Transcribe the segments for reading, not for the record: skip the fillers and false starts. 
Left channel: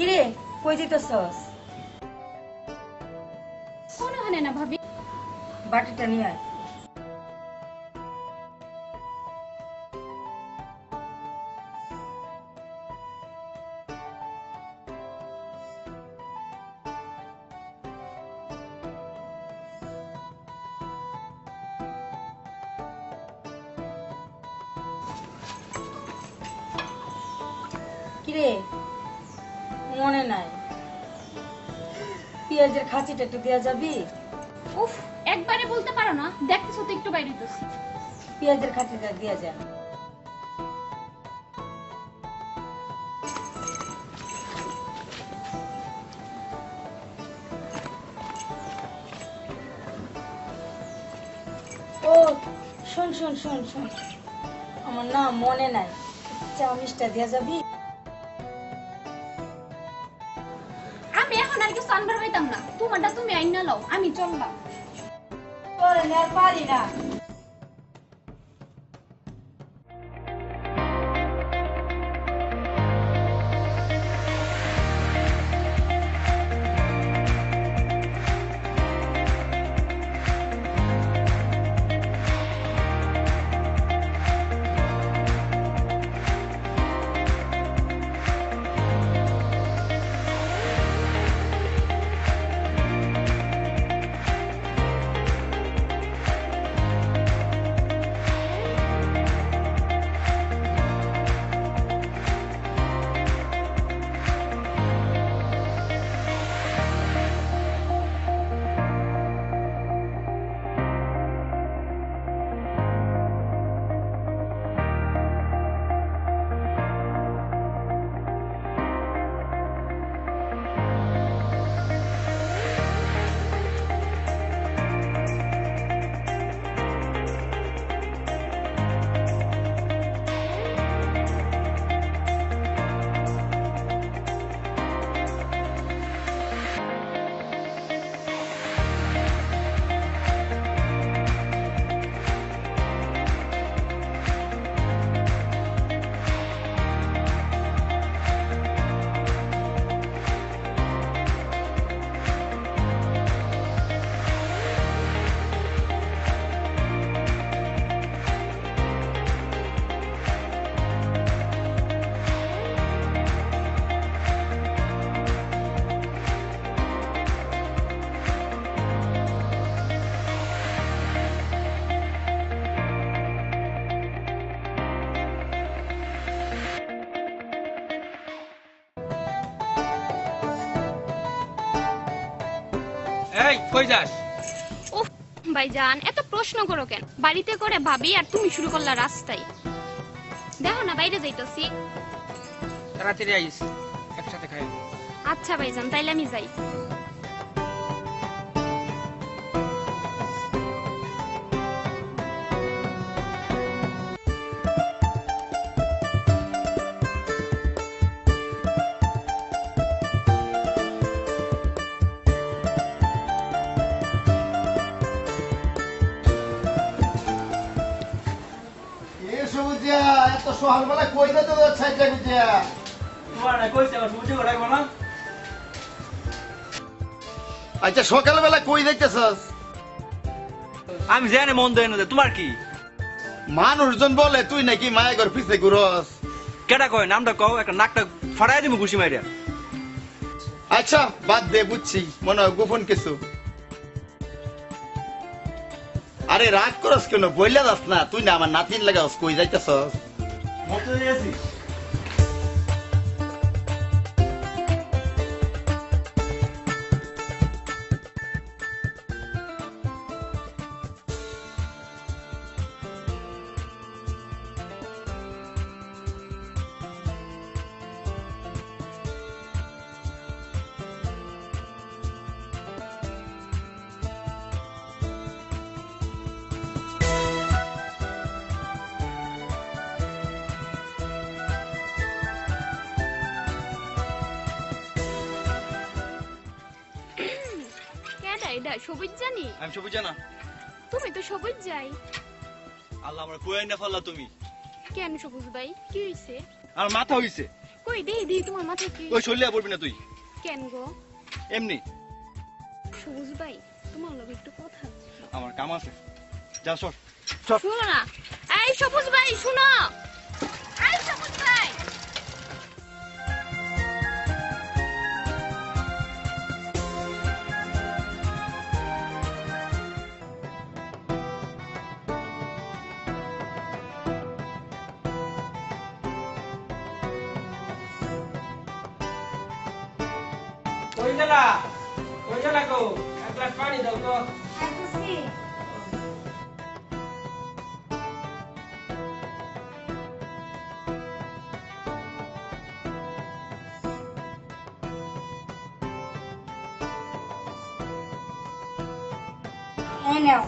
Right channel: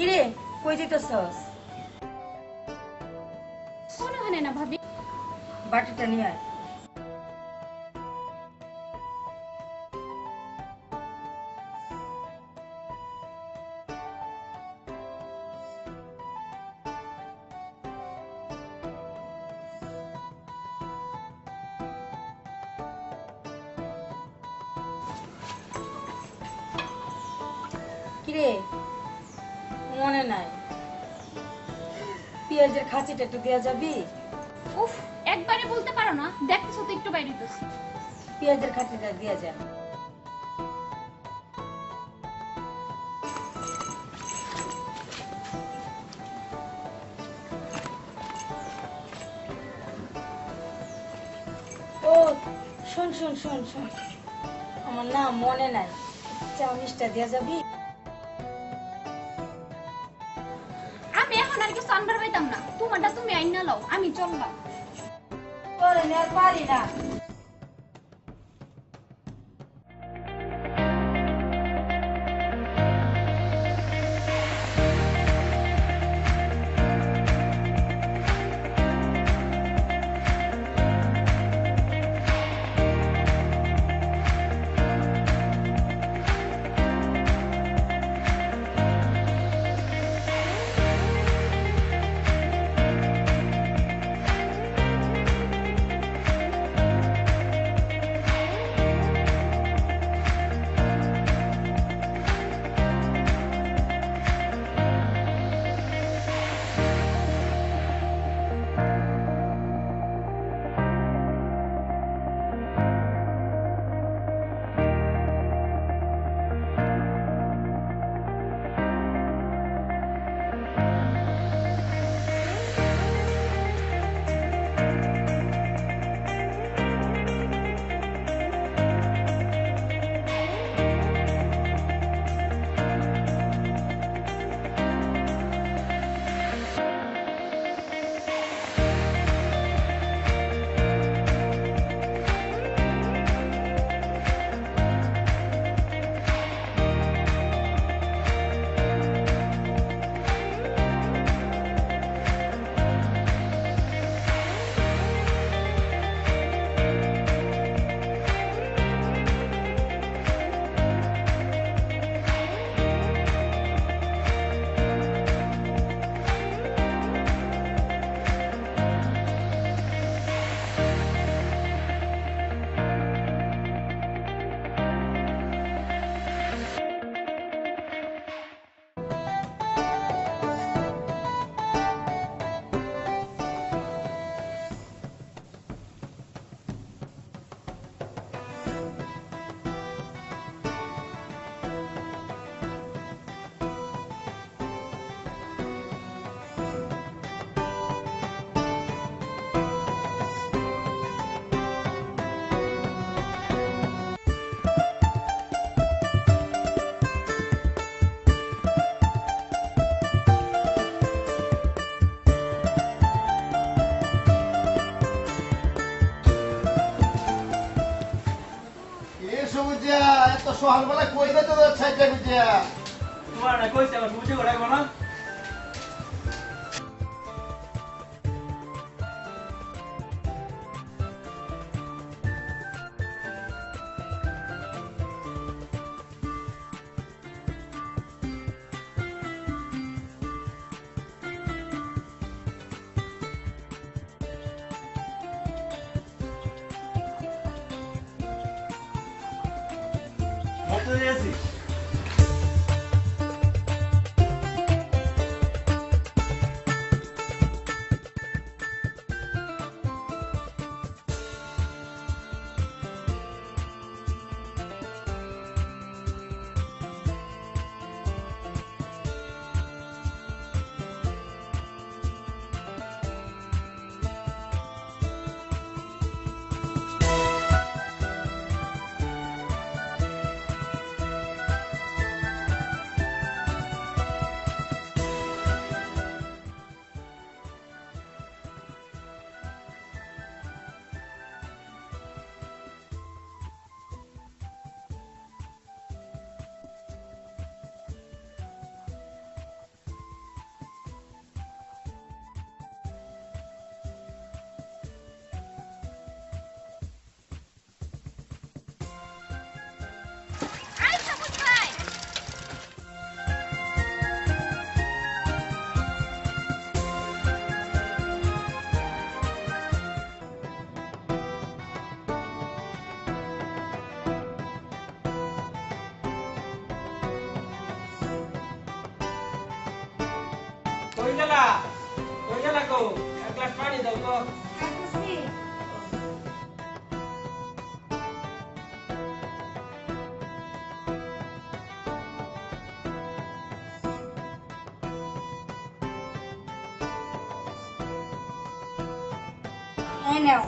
কিরে কই দিতেছস? কোন ওখানে না ভাবি। বাটিটা নিয়ে আয়। কিরে মনে নাই পেঁয়াজের খাঁচিটা একটু দেয়া যাবি? উফ, একবারে বলতে পারো না? দেখতেছো তো একটু বাইরে হইতেছি। পেঁয়াজের খাঁচিটা দেয়া যা। ও শোন শোন শোন শোন, আমার না মনে নাই, চাউমিচটা দেয়া যাবি? আমি এখন আর কিছু আনবার পাইতাম না, তোমারটা তুমি আইনা লও, আমি চললাম। তোরে নিয়ে আর পারি না। এই কই যাস? উফ ভাইজান, এত প্রশ্ন করো কেন? বাড়িতে করে ভাবি আর তুমি শুরু করলা রাস্তায়। দেখো না বাইরে যাইতাছি। তাড়াতাড়ি আইস, একসাথে খাই। আচ্ছা ভাইজান, তাইলে আমি যাই। এত সকালবেলা কই যেতে যাচ্ছে বুঝিয়া? তোমার না কইছে আমার বুঝে করে রাখবো না? আচ্ছা সকালবেলা কই যাইতেছস? আমি জানি মন দেয় না, তোমার কি? মানুষজন বলে তুই নাকি মায়ের পিছে ঘুরস। কেটা কয় নামটা কও, একটা নাকটা ফাড়াই দিব ঘুষি মাইরা। আচ্ছা বাদ দে, বুঝছি মনে হয় গোপন কিছু। আরে রাগ করস কেন? বইলা যাস না, তুই না আমার নাতিন লাগাস, কই যাইতেছস? মতো আছি। সবুজ জানি? আমি সবুজ জানা? তুমি তো সবুজ যাই। আল্লাহ আমার কই না ফেললা তুমি। কেন সবুজ ভাই, কি হইছে? আমার মাথা হইছে। কই দেই দেই তোমার মাথায় কি ওই শৈলিয়া পড়বি না তুই কেন গো এমনি সবুজ ভাই তোমার লগে একটু কথা আছে। আমার কাম আছে যা সর শুনো না এই সবুজ ভাই শুনো এই সবুজ ভাই কই গেলা গো এক গ্লাস পানি দাও তো এই নাও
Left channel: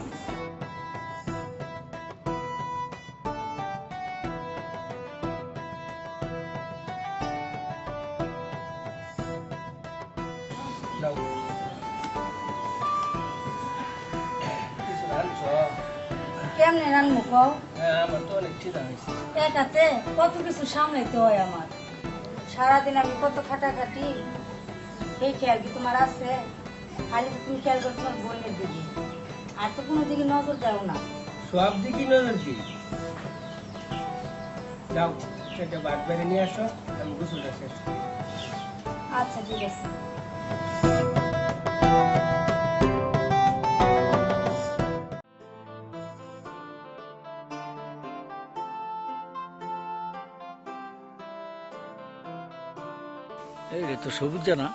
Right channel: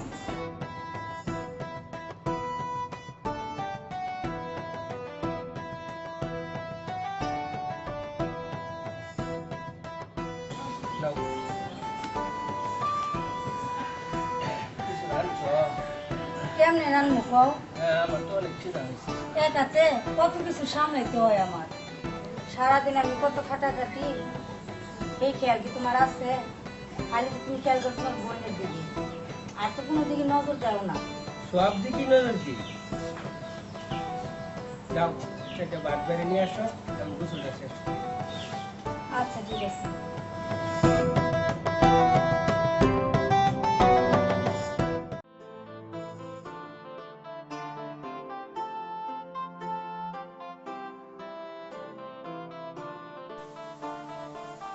দাও কিছু রাখছো কেমনে রান্না কও হ্যাঁ আমার তো অনেক খিদা হয়েছে একাতে কত কিছু সামলাইতে হয় আমার সারাদিন আমি কত খাটাখাটি এই খেয়াল কি তোমার আছে খালি তুমি খেয়াল করো তোমার বোনের দিকে আর তো কোনো দিকে নজর দাও না সব দিকে নজর কি যাও সেটা বাদ বেড়ে নিয়ে আসো আমি গোসলটা শেষ করি। আচ্ছা ঠিক আছে এই রে তো সবুজ জানা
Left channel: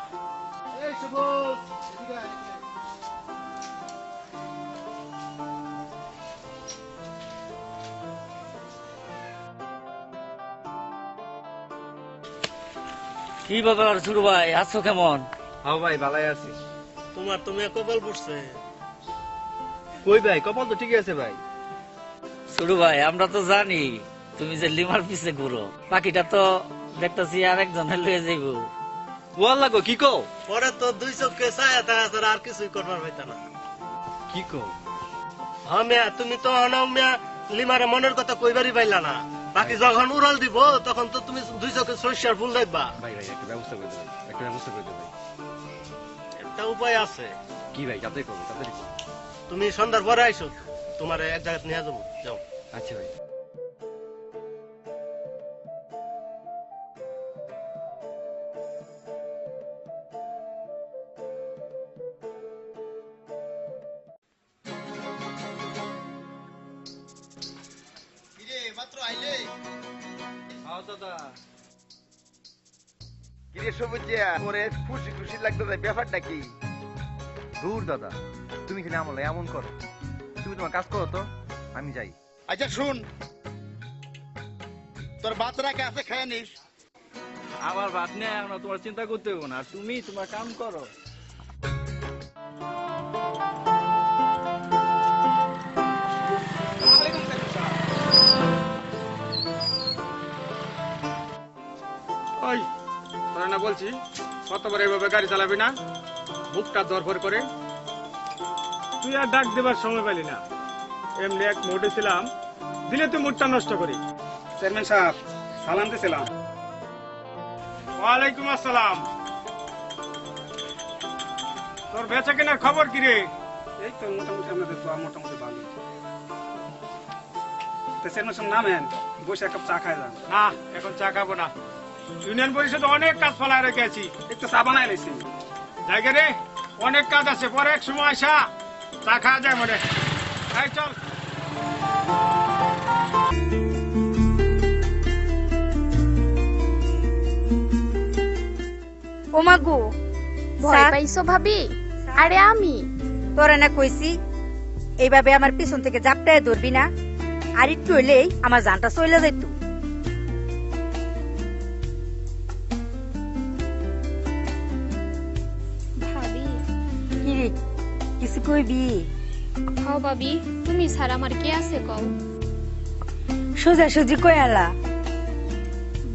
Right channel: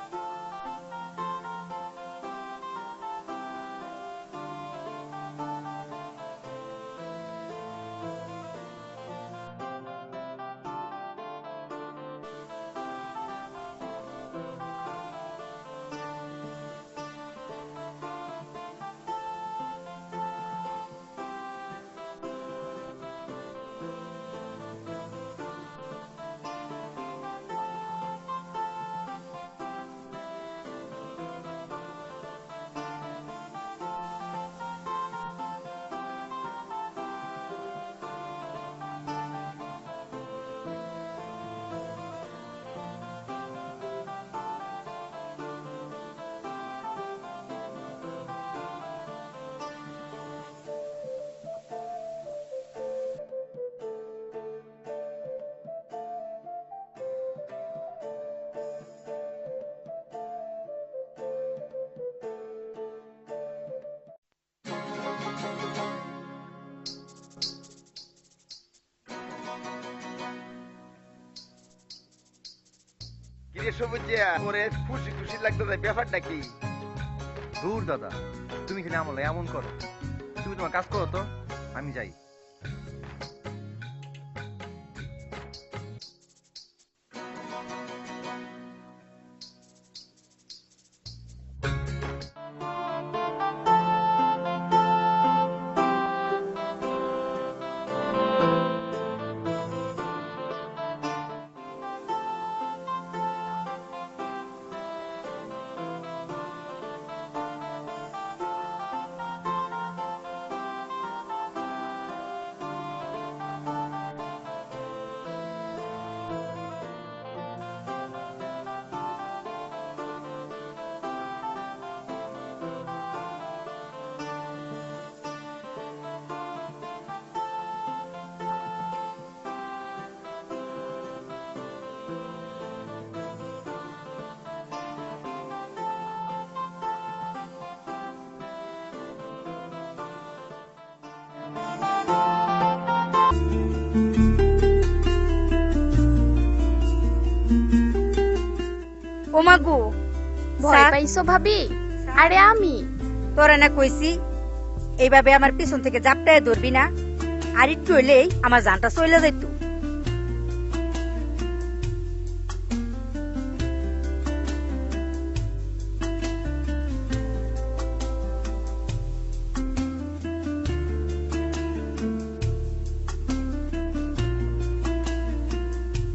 কি ব্যাপার শুরু ভাই আছো কেমন? হ্যাঁ ভাই ভালাই আছি তোমার তুমি কপাল পড়ছে কই ভাই কপাল তো ঠিকই আছে ভাই শুরু ভাই আমরা তো জানি তুমি যে লিমার পিছে ঘুরো বাকিটা তো দেখতেছি আর একজন লয়ে যাইব গোয়াল লাগো কি কো পরে তো দুই চোখে ছায়া থাকা ছাড়া আর কিছুই করবার হইতো না কি কো হ্যাঁ মিয়া তুমি তো অনাও মিয়া লিমারে মনের কথা কইবারই পাইলা না বাকি যখন উড়াল দিব তখন তো তুমি দুই চোখে সরিষার ফুল দেখবা ভাই ভাই একটা ব্যবস্থা করো একটা ব্যবস্থা করো একটা উপায় আছে কি ভাই তাতে করো তাড়াতাড়ি করো। তুমি সন্ধ্যার পরে আইসো তোমার এক জায়গায় নিয়ে যাবো যাও আচ্ছা ভাই কিরে সবুজিয়া ওরে খুশি খুশি লাগতেছে ব্যাপারটা কি? দূর দাদা তুমি এখানে আমলে এমন করো তুমি তোমার কাজ করো তো আমি যাই আচ্ছা শুন, তোর বাচ্চাটাকে আছে খেয়ে নিস। আমার ভাত নিয়ে আমরা তোমার চিন্তা করতে হবে না তুমি তোমার কাম করো ওই তোরা না বলছি কতবার এভাবে গাড়ি চালাবি না বুকটা দরকার করে তুই আর ডাক দেবার সময় পেলি না এমনি এক মোটে ছিলাম দিলে তুই মুডটা নষ্ট করি চেয়ারম্যান সাহেব সালাম দিছিলাম ওয়ালাইকুম আসসালাম তোর বেচা কেনার খবর কি রে এই তো মোটামুটি আমাদের তো মোটামুটি ভালো তো চেয়ারম্যান সাহেব নামেন বসে এক কাপ চা খাই যান না এখন চা খাবো না ইউনিয়ন পরিষদে অনেক কাজ ফেলায় রেখেছি একটু চা বানাই নিছি জায়গা রে অনেক কাজ আছে পরে এক সময় আসা চা খাওয়া যায় মনে এই চল ও মাগু ভয় পাইছো ভাবি আরে আমি তোরা না কইছি এইভাবে আমার পিছন থেকে জাপটায় ধরবি না আর একটু হইলেই আমার জানটা চলে যাইত ভাবি কি রে, কিছু কইবি হ্যাঁ ভাবি তুমি ছাড়া আমার কে আছে কও সোজা সুজি কয়ালা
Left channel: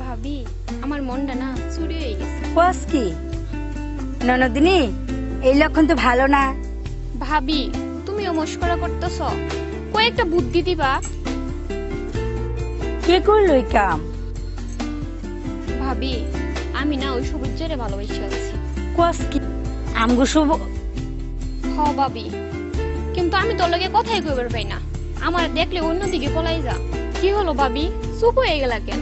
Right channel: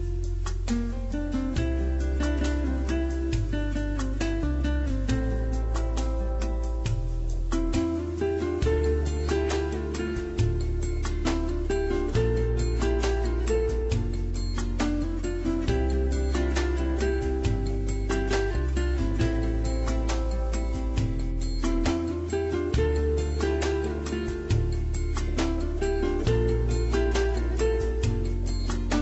ভাবি আমার মনটা না চুরি হয়ে গেছে কস কি ননদিনী এই লক্ষণ তো ভালো না ভাবি তুমিও মস্করা করতেছ কয়েকটা বুদ্ধি দিবা কে করলো এই কাম ভাবি আমি না ওই সবুজ জেরে ভালোবাসি আছি। কস কি আমগো শুভ হ ভাবি, কিন্তু আমি তোর লগে কথাই কইবার পাই না। আমার দেখলে অন্যদিকে পলাই যা। কি হলো ভাবি, চুপ হয়ে গেলা কেন?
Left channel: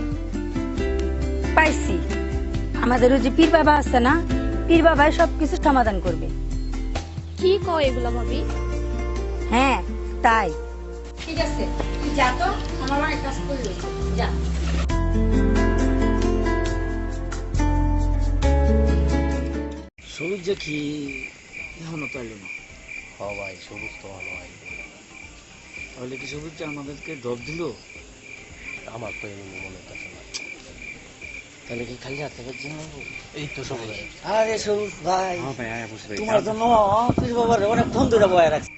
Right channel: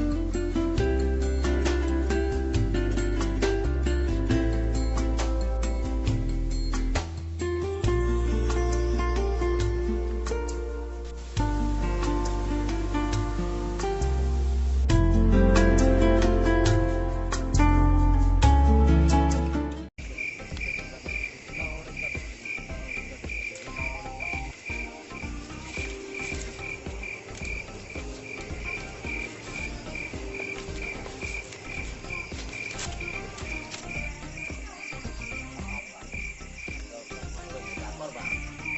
পাইছি, আমাদের ওই যে পীর বাবা আছে না, পীর বাবাই সবকিছু সমাধান করবে। কি কয় এগুলা ভাবি? হ্যাঁ তাই। ঠিক আছে যা তো, আমার অনেক কাজ করবে, যা। সবুজ যে কি এখনো চলে না। সবাই সবুজ তো তাহলে কি সবুজটা আমাদেরকে দর দিল? আমার তো তাহলে কি খালি হাতে করছি না? এই তো সবুজ। আরে সবুজ ভাই, তোমার জন্য পীর বাবার অনেকক্ষণ ধরে বয়ে রাখছি।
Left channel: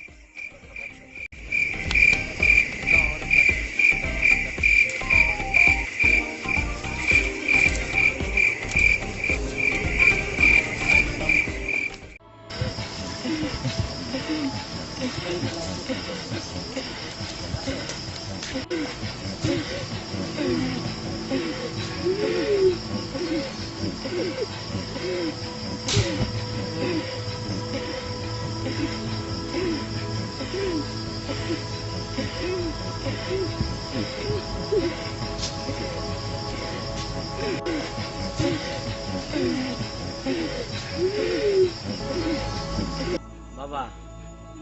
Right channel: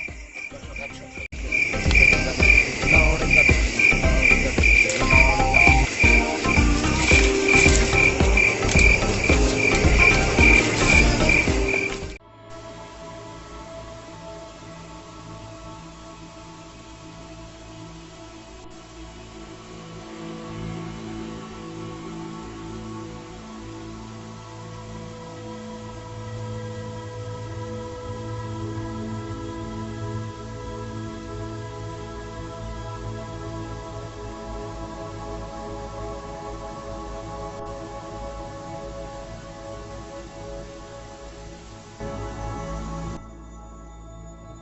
বাবা,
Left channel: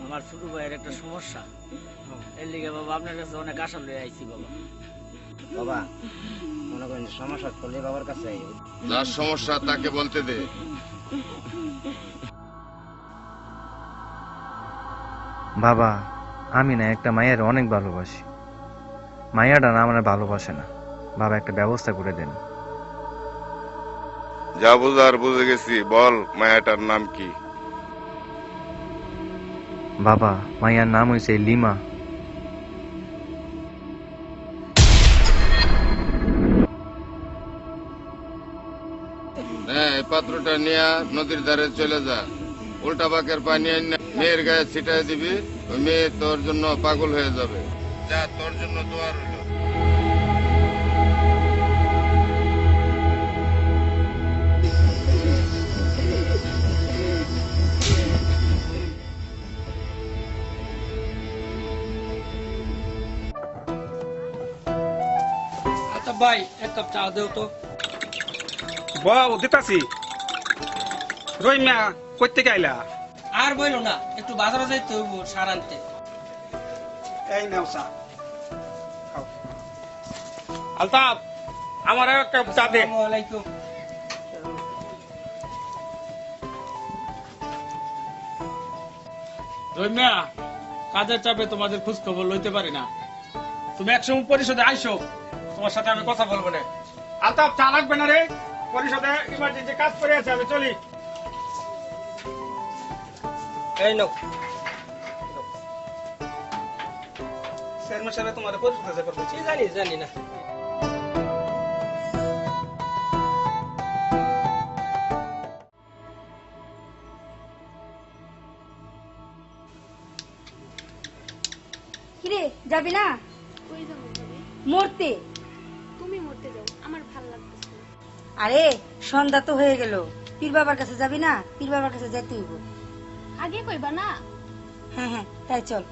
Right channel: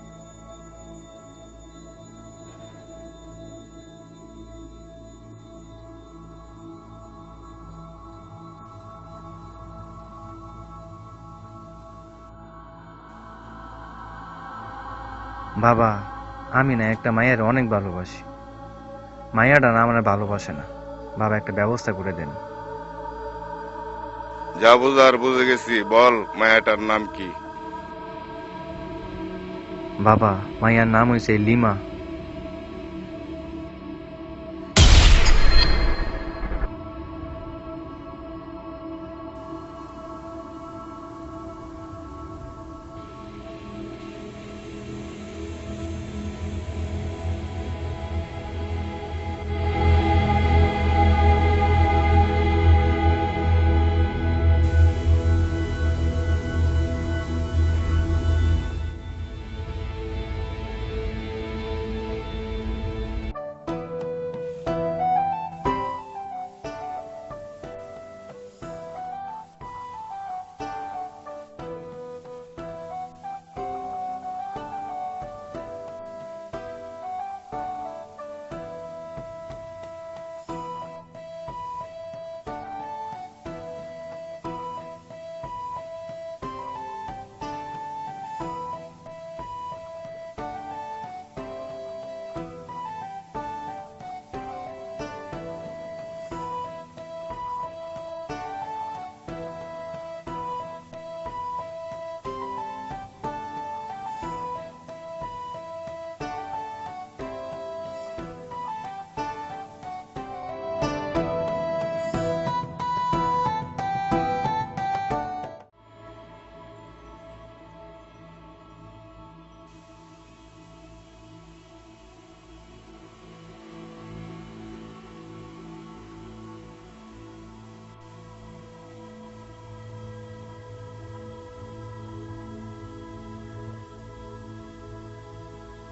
আমার ছোট ভাইয়ের একটা সমস্যা, এর লিগে বাবা আপনার কাছে অনেক আশা লয়ে আইছি। বাবা বাবা মনে করেন সমস্যা করলে বাবার কাছে আইও। যার সমস্যা তাকে বলতে দে। বাবা, আমি না একটা মায়ের অনেক ভালোবাসি, মায়াটা না আমার ভালোবাসে না। বাবা একটা ব্যবস্থা করে দেন। যা বুঝার বুঝে গেছি, বল মায়াটার নাম কি? বাবা, মায়ার নাম হয়েছে লিমা। হ্যাঁ, এই পাত্রটা নিয়ে নদীর ধারে চলে যা, উল্টা বাঁকের পানি এনে মেয়ের গায়ে ছিটাই দিবি, ওই মেয়ে তোর জন্য পাগল হয়ে যাবে। যা, তোর জন্য তোমার আচ্ছা ভাই, এক কাপ চা দেও তো। বাও দিতাছি। রইমিয়া কই থেকে আইলা? আর বইলো না, একটু বাজারে যাইতে হইব সার আনতে। এই নাও চা। আলতাফ, আমার এক কাপ চা দে। আসসালামু আলাইকুম। রইমিয়া, কাজের চাপে তোমাদের খোঁজ খবর লইতে পারি না। তুমি একসময় পরিষদে আইসো, তোমার সাথে আমি কথা বলবো না। আলতাফ, চা লাগবে না রে? পরিষদে ইমার্জেন্সি কাজ করে আছে, আমি চলি। এই নাও। চেয়ারম্যান সাহেব তোমার পরিচিত আছে করতে। জানি না। কিরে যাবি না মরতে? তুমি মরতে যাও, আমার ভালো লাগছে। আরে সন্ধ্যা তো হয়ে গেল, পীর বাবার কাছে যাবি না? পীর বাবার কাছে যাইতে হইব। আগে কইবা না? হ্যাঁ হ্যাঁ তাই চল।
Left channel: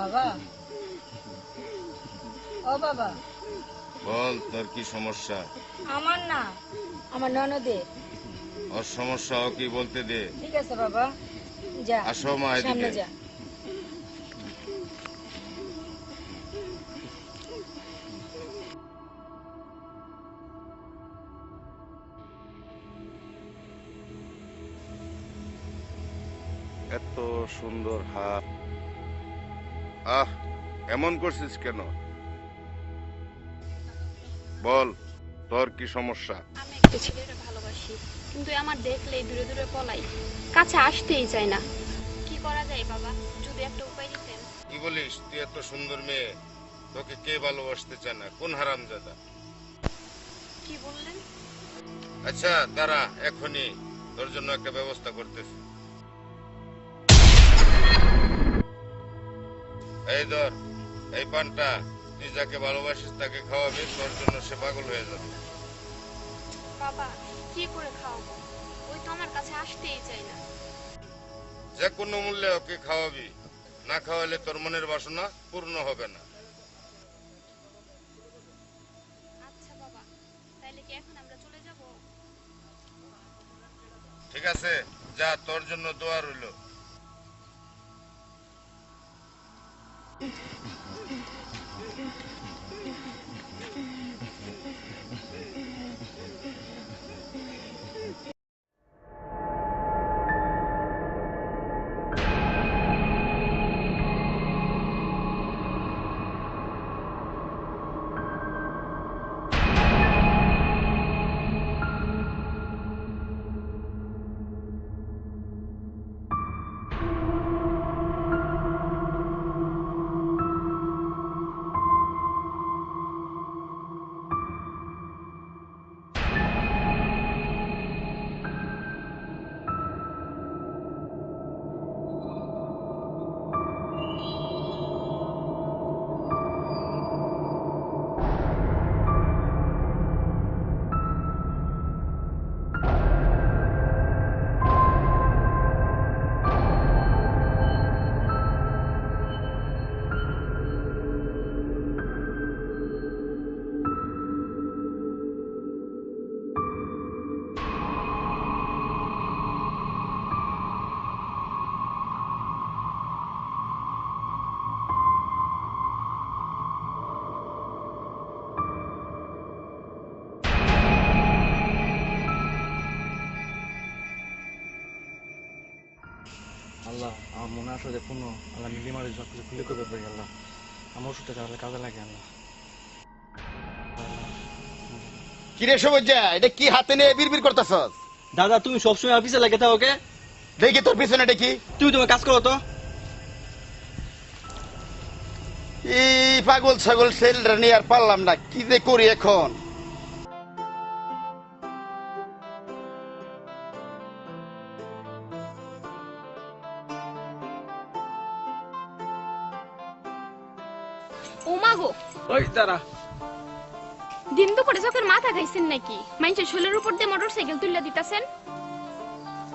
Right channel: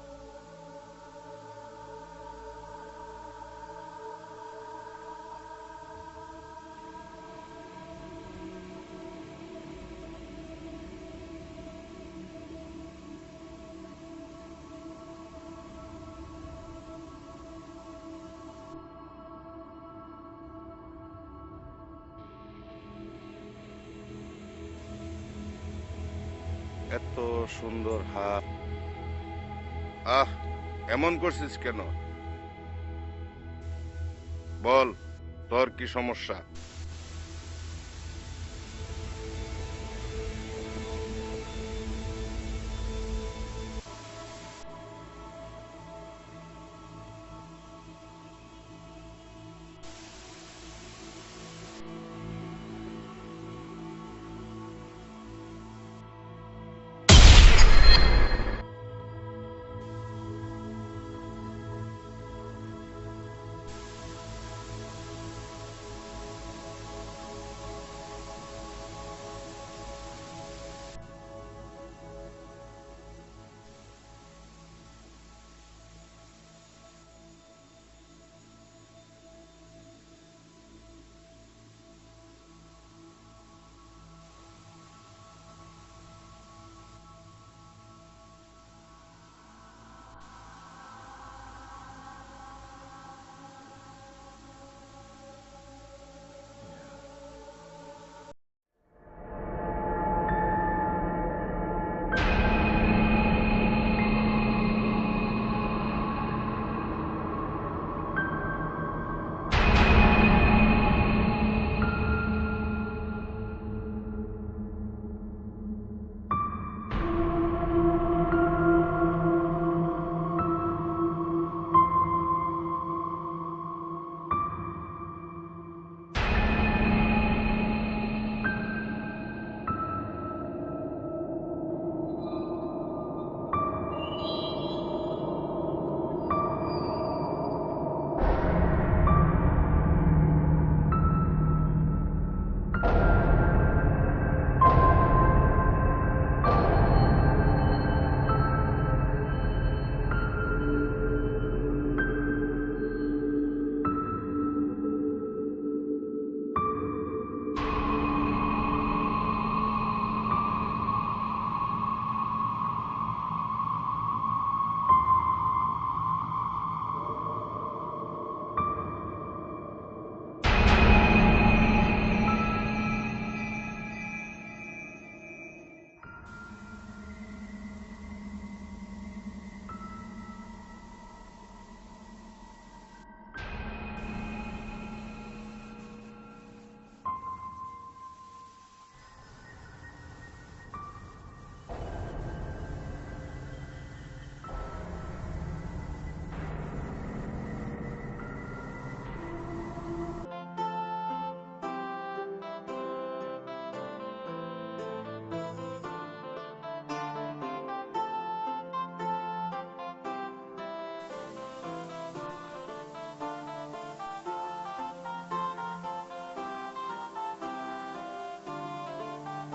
বাবা, ও বাবা। বল, তোর কি সমস্যা? আমার না, আমার ননদের। ওর সমস্যা ও কি বলতে দে। ঠিক আছে বাবা, যা আসো মা, সামনে এদিকে। যা। এত সুন্দর হাত, আহ, এমন করছিস কেন? বল, তোর কি সমস্যা? আমি একটা ছেলেরে ভালোবাসি, কিন্তু আমার দেখলেই দূরে দূরে পলাই, কাছে আসতেই চায় না। কি করা যায় বাবা, যদি একটা উপায় দিতেন। কি বলিস? তুই এত সুন্দর মেয়ে, তোকে কে ভালোবাসতে চায় না? কোন হারামজাদা? কি বললেন? আচ্ছা দাঁড়া, এখনই তোর জন্য একটা ব্যবস্থা করতেছি। এই ধর, এই পানটা তুই যাকে ভালোবাসিস তাকে খাওয়াবি, তোর জন্য সে পাগল হয়ে যাবে। বাবা কি করে খাওয়াবো, ওই তো আমার কাছে আসতেই চায় না। যে কোনো মূল্যে ওকে খাওয়াবি, না খাওয়ালে তোর মনের বাসনা পূর্ণ হবে না। আচ্ছা বাবা, তাইলে কি এখন আমরা চলে যাব? ঠিক আছে, যা, তোর জন্য দোয়া রইল। আল্লাহ আমার মনে আসো যে পূর্ণ আল্লাহ লিমারের সব কিছু খুলে করতে পারি আল্লাহ, আমার ওষুধটা তাহলে কাজে লাগে আল্লাহ। কিরে সবুজা, এটা কি হাতে নিয়ে বিড়বিড় করতেছস? দাদা তুমি সবসময় অফিসে লাগে থাকো ওকে? দেখি তোর পিছনে দেখি। তুমি তোমার কাজ করো তো। এই পাগল ছাগল ছেলেরা নিয়ে আর পারলাম না, কি যে করি এখন। ও মা গো, ওই দাঁড়া, দিন দুপুরে চোখের মাথা খাইছেন নাকি? মানুষের শরীরের উপর দিয়ে মোটরসাইকেল তুলে দিতেছেন।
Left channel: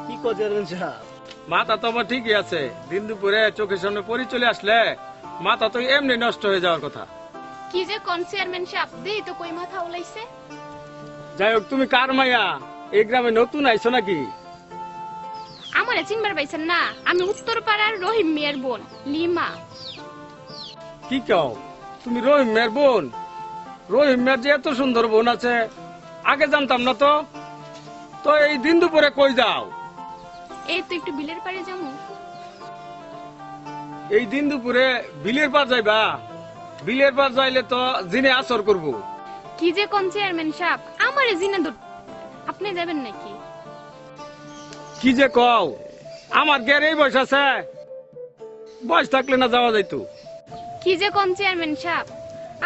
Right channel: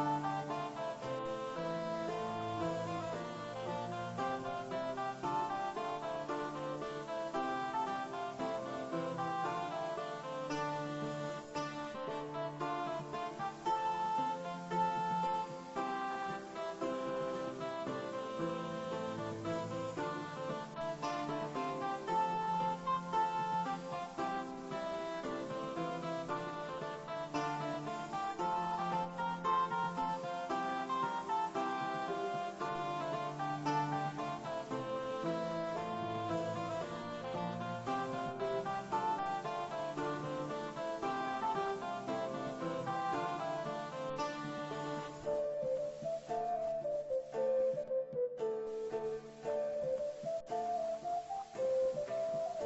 কি কো চেয়ারম্যান সাহেব? মাথা তো আমার ঠিকই আছে, দিন দুপুরে চোখের সামনে পরি চলে আসলে মাথা তো এমনি নষ্ট হয়ে যাওয়ার কথা। কি যে কোন চেয়ারম্যান সাহেব, দেই তো কই মাথা উলাইছে। যাই হোক, তুমি কার মাইয়া? এই গ্রামে নতুন আইছো নাকি? আমারে চিনবার পাইছেন না? আমি উত্তর পাড়ার রহিম মিয়ার বোন লিমা। কি কও, তুমি রহিম মেয়ের বোন? রহিম মেয়ের যে এত সুন্দর বোন আছে, আগে জানতাম না তো। তো এই দিন দুপুরে কই যাও? এই তো একটু বিলের পাড়ে যাবো। এই দিন দুপুরে বিলের পার যাইবা? বিলের পার যাইলে তো জিনে আসর করবো। কি যে কোন চেয়ারম্যান সাহেব, আমারে জিনে ধর। আপনি যাবেন নাকি? কি যে কও, আমার গের এই বয়স আছে, বয়স থাকলে না যাওয়া যাইতো। কি যে কোন চেয়ারম্যান সাহেব,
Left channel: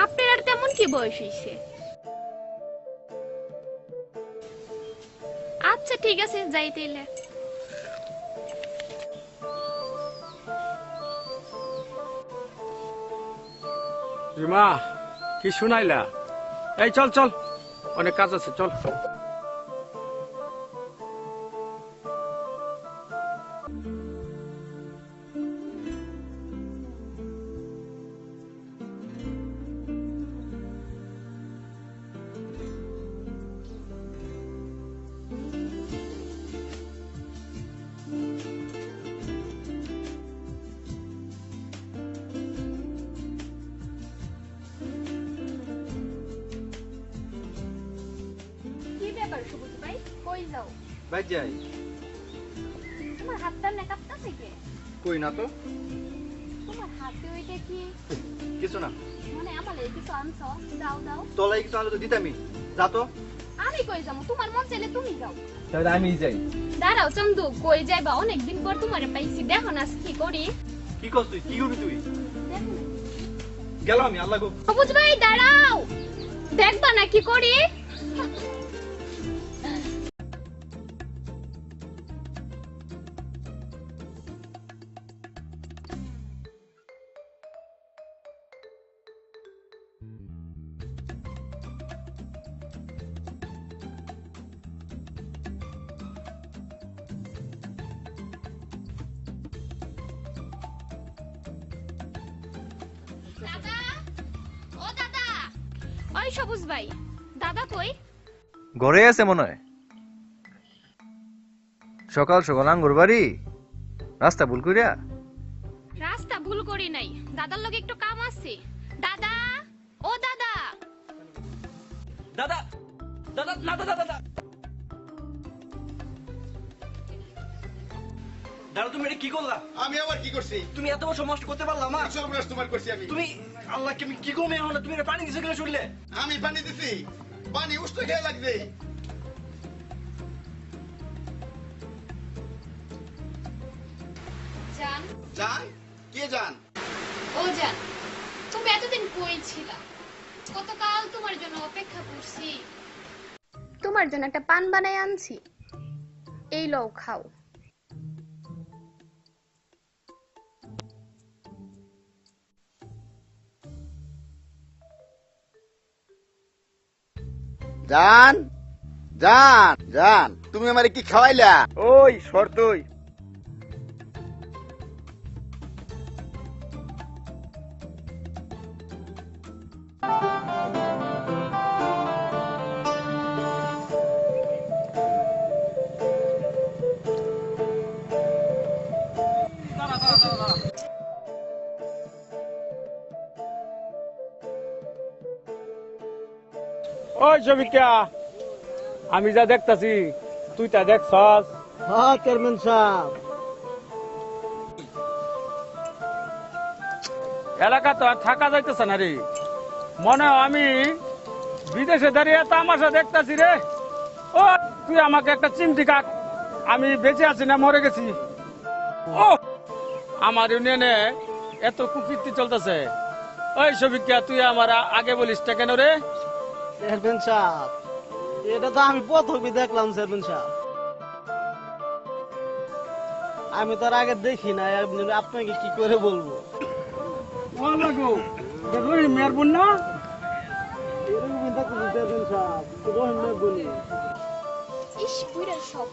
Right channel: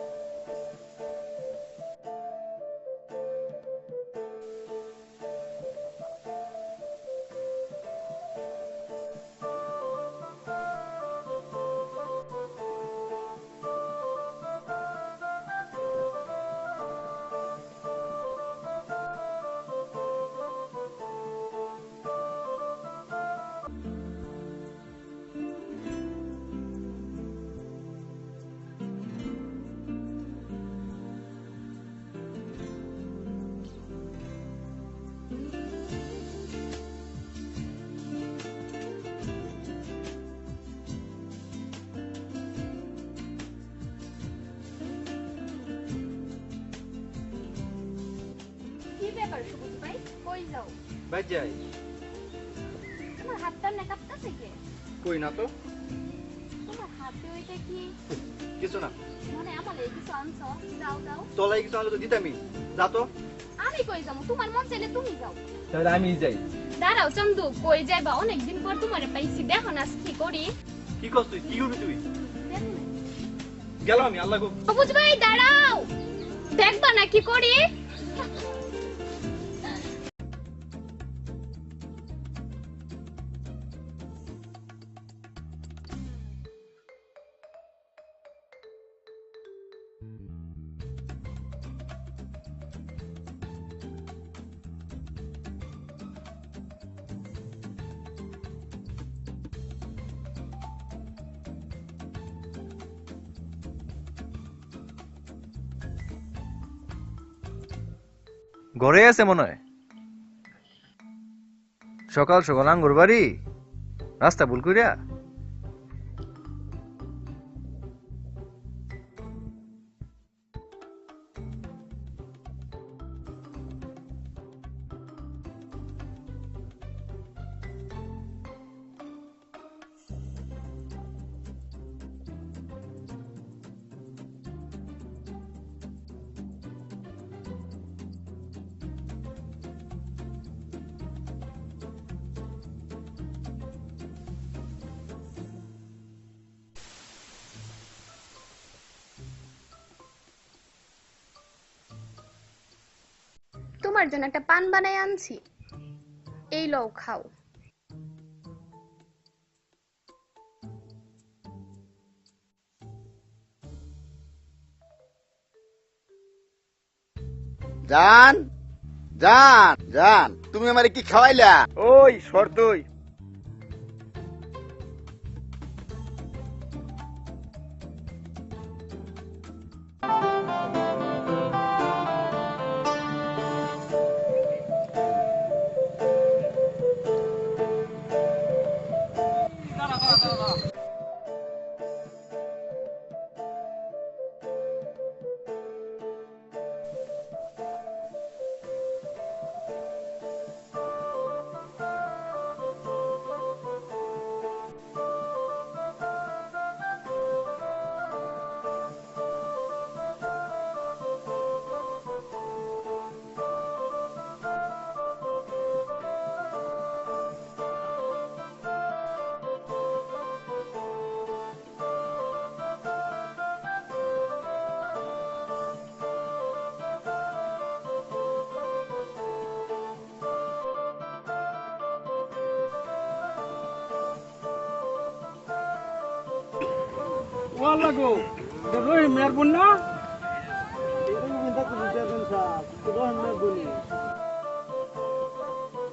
আপনার আর তেমন কি বয়স হইছে? আচ্ছা ঠিক আছে, যাইতেইলে। রিমা, কি শুনাইলা? এই চল চল, অনেক কাজ আছে, চল। কি ব্যাপার সবুজ ভাই, কই যাও? বাইর যাই। তোমার হাতটা না কাঁপতাছে কে? কই না তো। তোমার হাতে ওইটা কি? কিছু না, মানে আমার এই কিছু আনছো? দাও দাও। তোলাই কিছু আনলে তো দিতামই। যা তো। আমি কই যাবো? তোমার মন চাইলে তুমি যাও। তাহলে আমি যাই। দাঁড়াও চন্দু, কই যাইবা? অনেকদিন পর তোমারে পাইছি, দেখো না কি করি। কি করছ তুই? কি করবি তুই? দেখো না। গেল আমি, আল্লাহ গো। সবুজ ভাই দাঁড়াও, দেখবা না কি করি। দাদা, ও দাদা, ওই সবুজ ভাই, দাদা কই? ঘরে আছে মনে হয়। সকাল সকাল আঙ্গুর বাড়ি, রাস্তা ভুল করিয়া। রাস্তা ভুল করি নাই, দাদার লগে একটু কাম আছে। দাদা, ও দাদা। দাদা, দাদা, না দাদা, দাদা। দাদা তুমি এটা কি করলা? আমি আবার কি করছি? তুমি এত বড় সমস্যা করতে পারলা মা? সর্বনাশ তোমার করছি আমি। তুমি আল্লাহকে আমি কি করবো এখন? তুমি এটা পানি দিছো কিনা শুনলে? আমি পানি দিছি, পানি উষ্ণ খেয়ে লাগবে। জান, জান? কে জান? ও জান, তুমি এতদিন কই ছিলা? কতকাল তোমার জন্য অপেক্ষা করছি। তোমার জন্য একটা পান বানাই আনছি, এই লও খাও। জান, জান, জান, তুমি আমারে কি খাওয়াইলা? ওই শর্তই। ওই শফিকা, আমি যা দেখতাছি তুই তা দেখছস? হ্যাঁ চেয়ারম্যান সাহেব। এলাকা তো আর থাকা যাইতেছে না রে। মনে হয় আমি বিদেশে দাঁড়িয়ে তামাশা দেখতাছি রে। ও তুই আমাকে একটা চিমটি কাট, আমি বেঁচে আছি না মরে গেছি। ও আমার ইউনিয়নে এত কুকীর্তি চলতেছে। ওই শফিকা, তুই আমার আগে বলিস টা কেন রে? চেয়ারম্যান সাহেব, এটা তো আমি প্রথমই দেখলাম চেয়ারম্যান সাহেব। আমি তার আগে দেখি না, আপনাকে কি করে বলবো? ওয়াল্লাহ গো, রহিম মিয়ার বোন না? এরকমই দেখলাম চেয়ারম্যান সাহেব, রহিম মিয়ার বলি। ইস পুরা সব।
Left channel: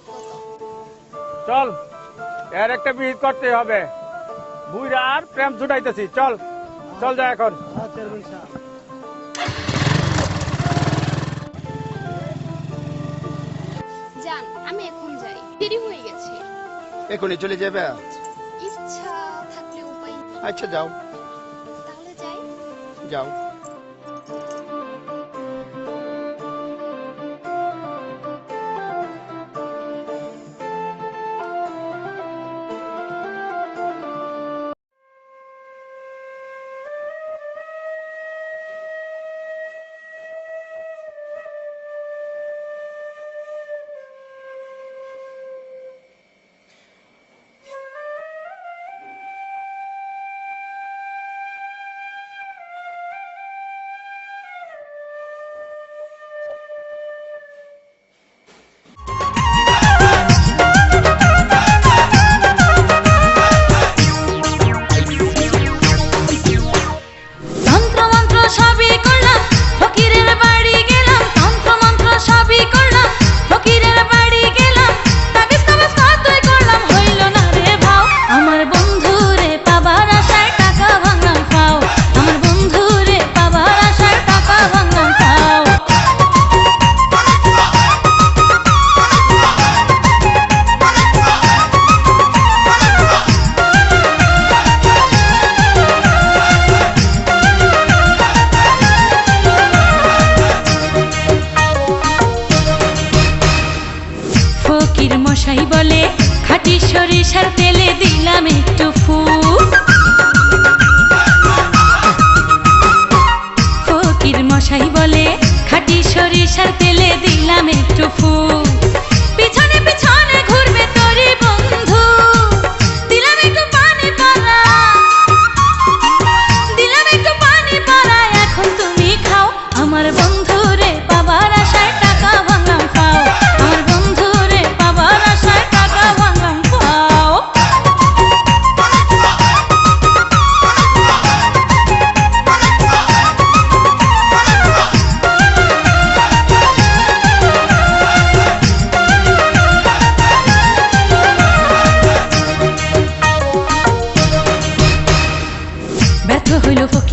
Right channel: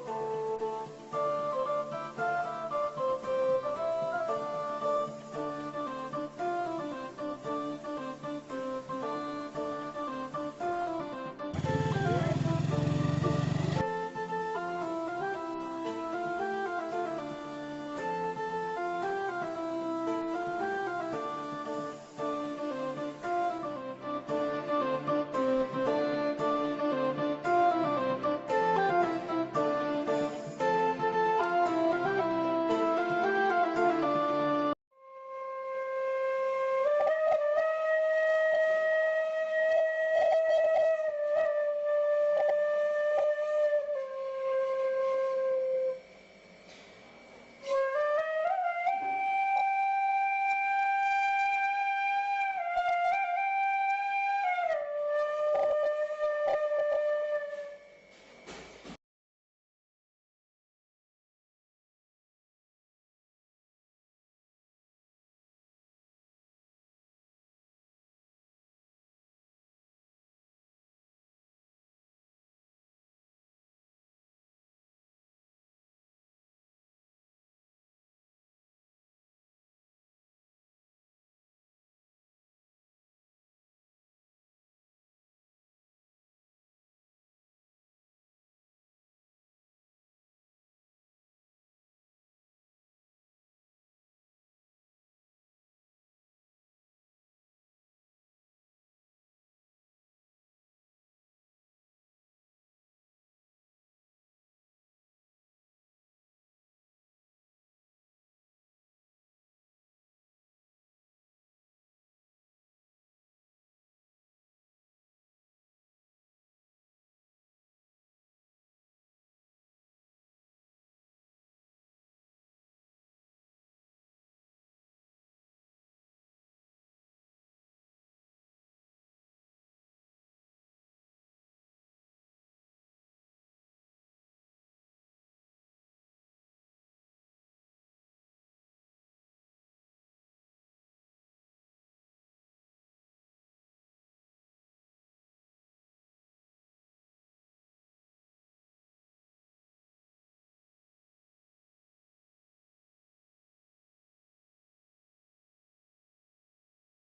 চল, এর একটা বিহিত করতে হবে। বুইরা আর প্রেম ছুটাইতেছি। চল চল যা এখন। হ্যাঁ চেয়ারম্যান সাহেব। জান, আমি এখন যাই, দেরি হয়ে গেছে। এখনই চলে যাবে? ইচ্ছা থাকলে উপায় নেই। আচ্ছা যাও, তাহলে যাই। যাও। মশাই বলে খাঁটি সরিষার তেলে দিলাম একটু ফুল।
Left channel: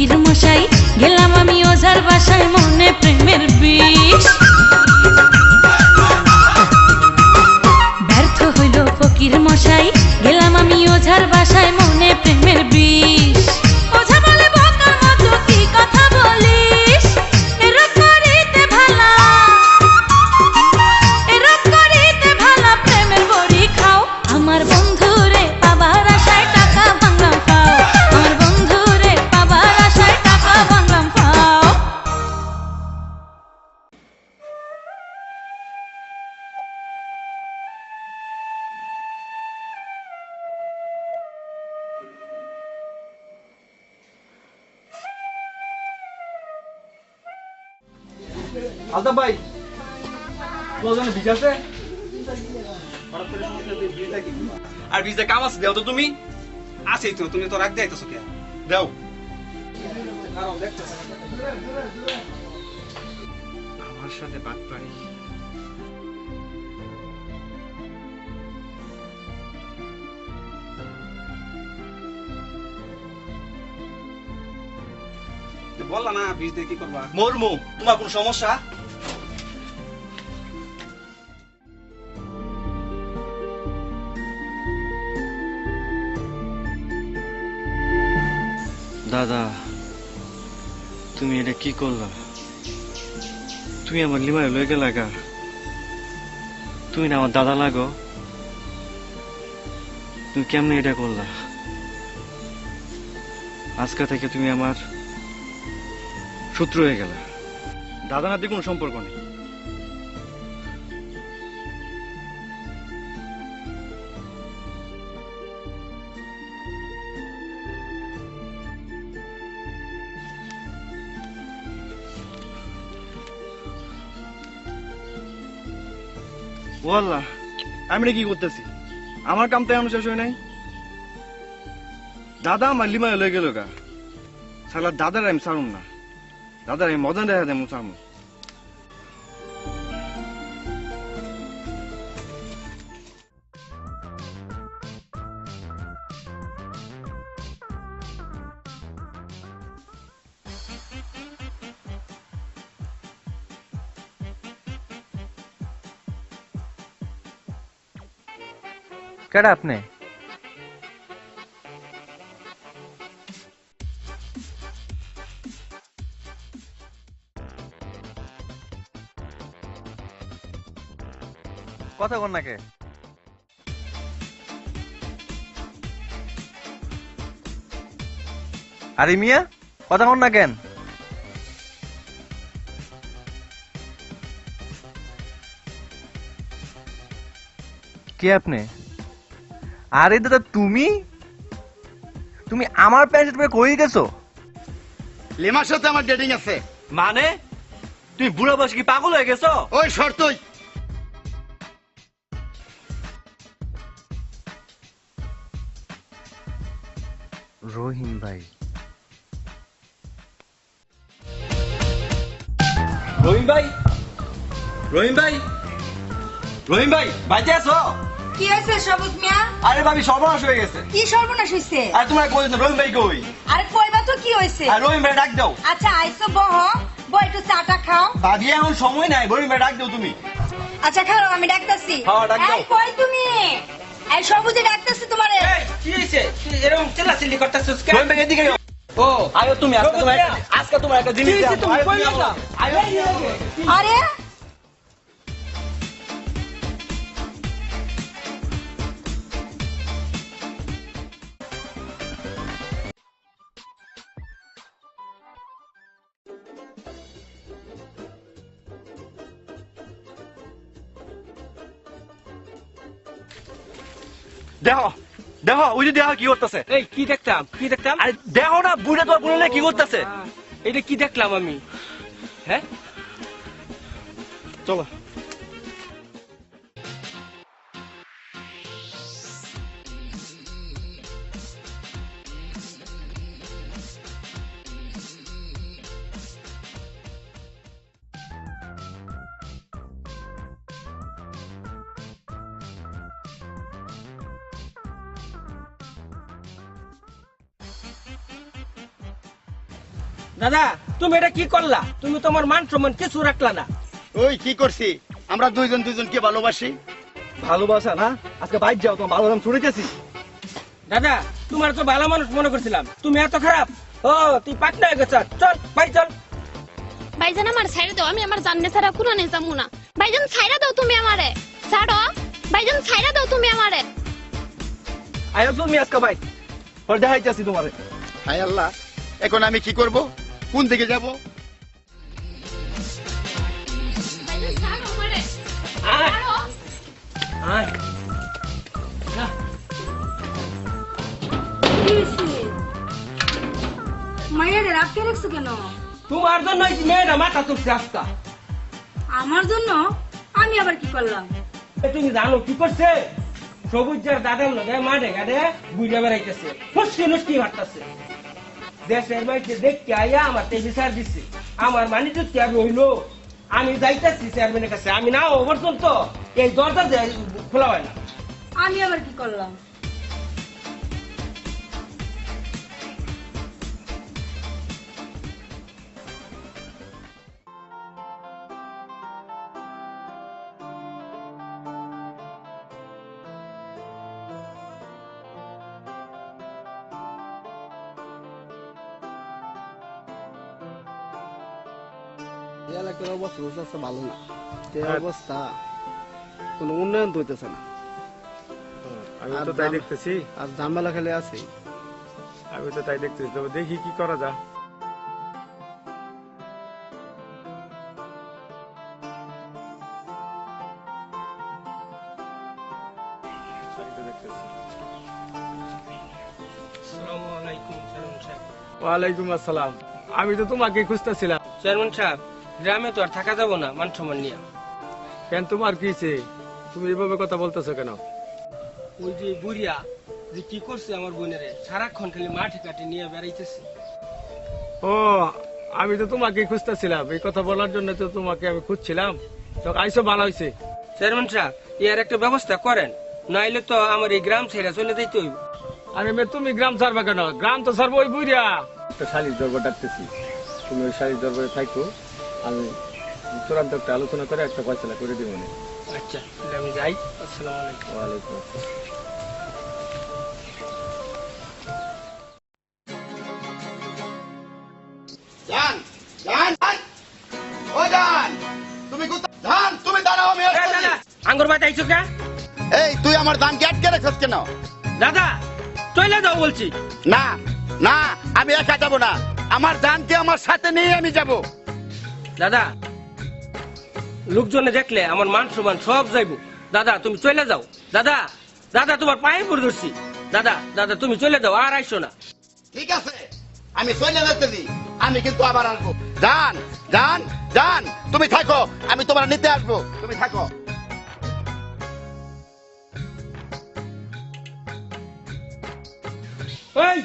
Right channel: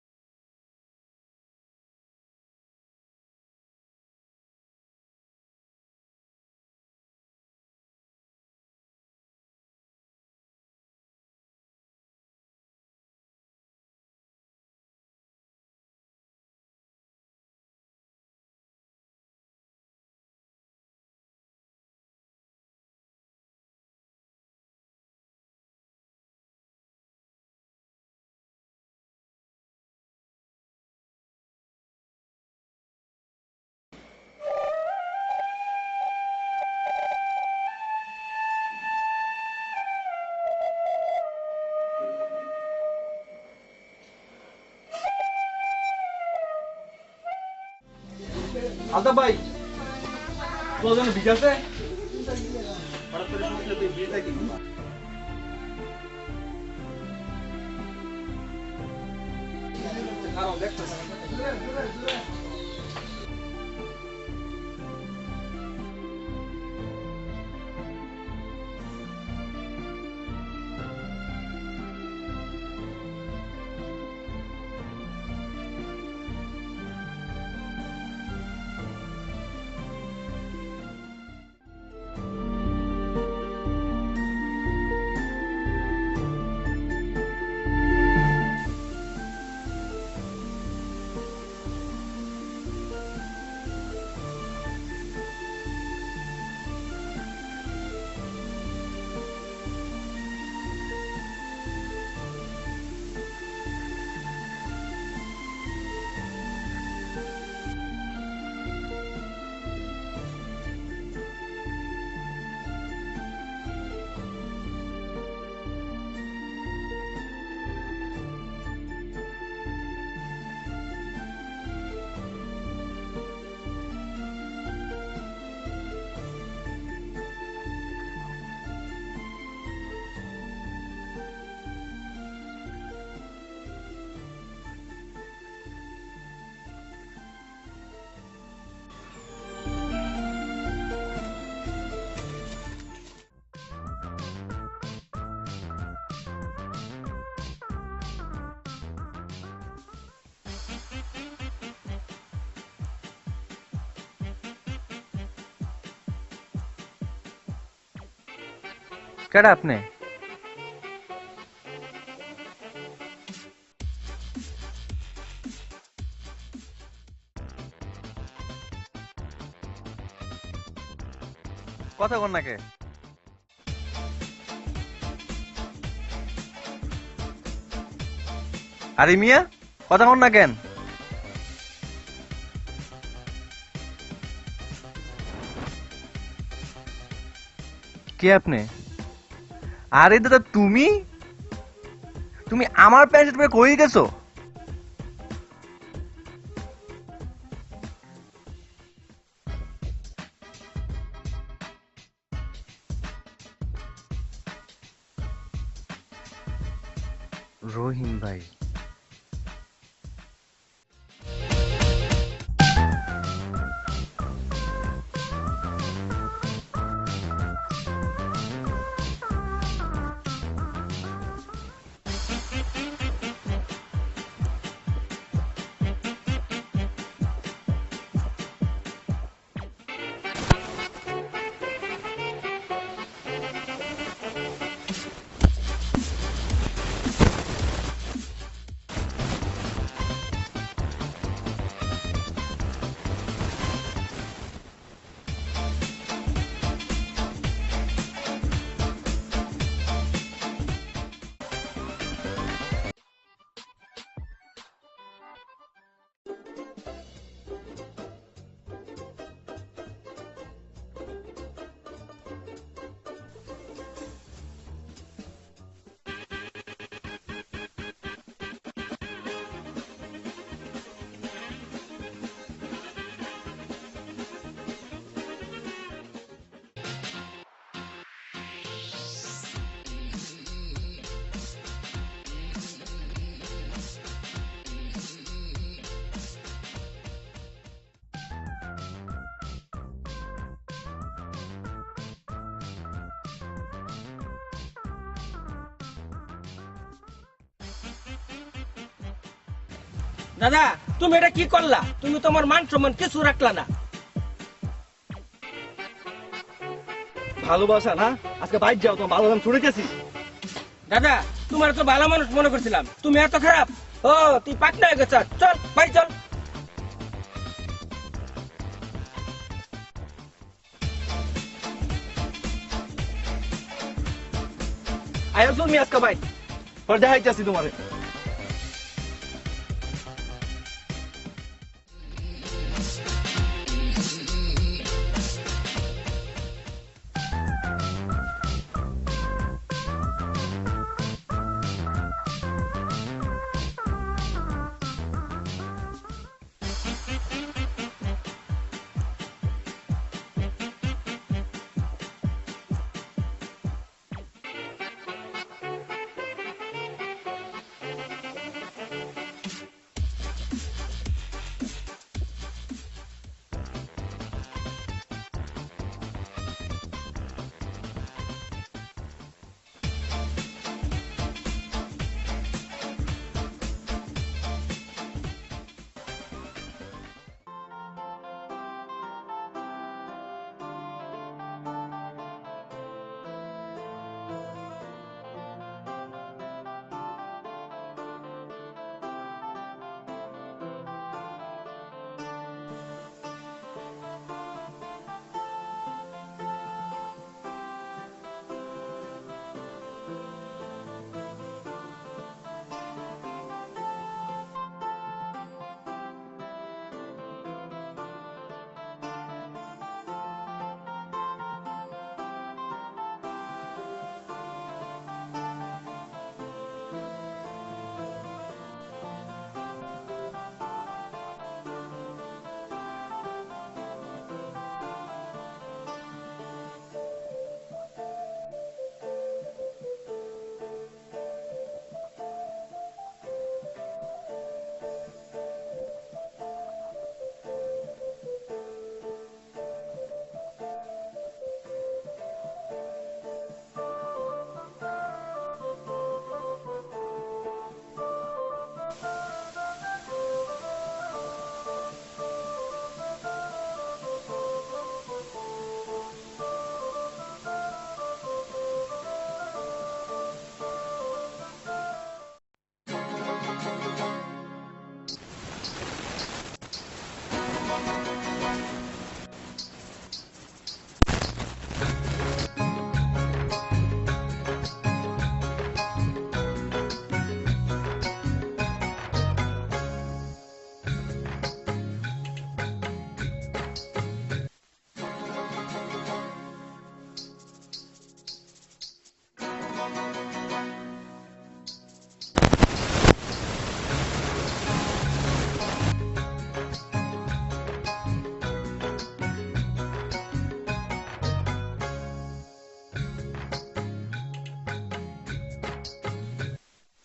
ফকির মশাই গেলাম আমি ওঝার বাসায় মনে প্রেমের বিষ ব্যর্থ হইল ফকির মশাই গেলাম আমি ওঝার বাসায় মনে প্রেমের বিষ ওঝা বলে বোকার মতো কি কথা বলিস এরকম করিতে ভালা প্রেমের বড়ি খাও আমার বন্ধুরে পাবার আশায় টাকা ভাঙলাম পাও আমার বন্ধুরে পাবার আশায় টাকা ভাঙলাম পাও আলতাফ ভাই তোমার জন্য বীজ আছে আর বীজে কাম আছে দেও তো তুমি আছেই তো, তুমি তো রাখ যাইতেছো কে? দাও আমার সাথে বাদ পারি। বললা না বীজ দিয়ে কি করবা? মরমু তোমার কোন সমস্যা দাদা তুমি এটা কি করলা তুমি আমার লিমায় লয়ে গেলা গা তুমি না আমার দাদা লাগো তুমি কেমনে এটা করলা আজকে থেকে তুমি আমার শত্রু হয়ে গেল দাদা নাতি কোনো সম্পর্ক নেই ও আল্লাহ আমি কি করতেছি আমার কাম তো এখন শেষ হয় নাই দাদা আমার লিমায় লয়ে গেল গা শালা দাদার আমি ছাড়ুম না দাদার আমি মজা দেখা দেবো ছাড়বো কেডা আপনি কথা কন নাকে আরে মিয়া কথা কন না কেন কে আপনি আরে দাদা তুমি তুমি আমার প্যান্ট পরে কই গেছো লিমার সাথে আমার ডেটিং আছে মানে তুমি বুড়া বয়সে কি পাগল হয়ে গেছো ওই শর্তই রহিম ভাই রহিম ভাই রহিম ভাই রহিম ভাই বাইতে আছো কি হয়েছে সবুজ মিয়া? আরে ভাবি সর্বনাশ হয়ে গেছে কি সর্বনাশ হয়েছে? আর তোমার বলছো রহিম ভাই কই আরে কইবা তো কি হয়েছে? আর রহিম ভাই ডাক দাও আচ্ছা আইসো বহ একটু চাটা খাও। ভাবি এখন সময় নাই রহিম ভাই ডাক দাও তুমি আচ্ছা খাও আমি ডাকতাছি। হ্যাঁ, ডাক দাও। এই কই তুমি? এই সবুজে ডাকতাছি তোমারে। কি হইছে? এরকম চিল্লাচিল্লি করতেছস কেন? রহিম ভাই এদিকে আও। ও আয়ো তুমি আজকে তোমার একটা জিনিস কি হইছে তুমি আয়ো, কই গেলা? আয়ো আরে দেখো দেখো ওই যে দেখো কি করতেছে এই কি দেখতাম কি দেখতাম? আরে দেখো না বুড়া তোমার বললে কি করতেছে এটা কি দেখলাম আমি? হ্যাঁ চলো দাদা তুমি এটা কি করলা? তুমি তোমার মান সম্মান কিছু রাখলা না। ওই কি করছি? আমরা দুইজনকে ভালোবাসি। ভালোবাসা না? আজকে বাইর যাও, তোমার ভালো দাম ছুড়ে গেছি। দাদা তোমার তো ভালো মানুষ মনে করছিলাম, তুমি এত খারাপ? ও তুই পাটনা হয়ে গেছ, চল বাড়ি চল। ভাইজান আমার ছাইড়া দাও, আমি আমার জাননে ছাড়া কুরানে যাবো না। ভাইজান ছাইড়া দাও তুমি আমারে, ছাড়ো। ভাইজান ছাইড়া দাও তুমি আমারে। আয়ো তুমি আজকে বাইর, পরে দেখাইতেছি তোমারে। হায় আল্লাহ, এখন আমি কি করব? কোন দিকে যাব? মায়ের রাখতে রাখছো কেন? তোমার জন্য এই মেয়েটা মাথা তুলছে আজকা। আমার জন্য? আমি আবার কি করলাম? তুমি জানো কি করছে? সবুজের দাদার লগে মাঠে ঘাটে বুঝে বেড়াইতেছে, ফুসকি নুসকি মারতেছে। দেশের মাইকে দেখতে আইয়া আমার তে বিচার দিচ্ছে। আমার মানে তো কি আর রইলো? আমি যাইতেছি চেয়ারম্যানের কাছে, আমি না ওভার চলতো এই দরজা খোলা হয় না। আমি আবার কি করলাম? এলাকার অবস্থা ভালো না, যে অবস্থা কোনো উন্নয়ন তো হইতেছে না। আমি তো তাই দেখতেছি, আর ঝামেলা খালি আছে। আমি তো তাই দেখতেছি, তবে দেখি কি করা যায়। ওয়ালাইকুম আসসালাম। আমি তো তোমাকে খুঁজতেছিলাম। চেয়ারম্যান সাহেব, গ্রামে তো আর থাকা যাবো না মান সম্মান নিয়ে। কেন, তোমার কি হইছে? তুমি এভাবে কথা বলতেছো কেন? ওই যে বুড়িয়া যে কি করছে আমার বোনেরে, সারাক্ষণ খালি মাঠে কাটে নিয়ে বেড়াইতেছে। ও, আমি তো তোমাকে খুঁজতেছিলাম, এই কথা বলার জন্য তো তোমাকে আমি খুঁজছিলাম। তো আইসো, ভালো হয়েছে। চেয়ারম্যান সাহেব, এর একটা ব্যবস্থা করেন, নাইলে তো আমার এই গ্রাম ছেড়ে চলে যাইতে হইব। আরে মেয়ে, তুমি গ্রাম ছাড়বা কেন? গ্রাম তো ছাড়বো ওই বুড়িয়া। একটা শালির দরবার ডাকতেছি, তুমি ওই শালির দরবারে থাকো, আমি চূড়ান্ত একটা আলোচনা করে একটা ফয়সালা করে দিব। আচ্ছা, তাহলে আমি যাই। আসসালামু আলাইকুম। ওয়ালাইকুম আসসালাম। জান, জান, জান। ও জান, তুমি কোথায়? জান, তুমি দাঁড়াও, আমি আসছি। আঙ্গুর বাদ আইছো কেন? এই তুই আমার ধানকে আটকে রেখেছ কেন? দাদা চলে যাও বলছি। না না, আমি একা যাবো না, আমার ধানকে আমার সাথে নিয়ে আমি যাব। দাদা লোকজনে দেখলে আমার মান সম্মান সব যাইবো। দাদা তুমি চলে যাও। দাদা, দাদা তোমার পায়ে পড়ে ধরছি। দাদা, দাদা তুমি চলে যাও, আর আইসো না। ঠিক আছে, আমি চলে যাচ্ছি, আমি কিন্তু আবার আসবো। জান, জান, জান, তুমি থাকো, আমি তোমার নিতে আসবো, তুমি থাকো। ওই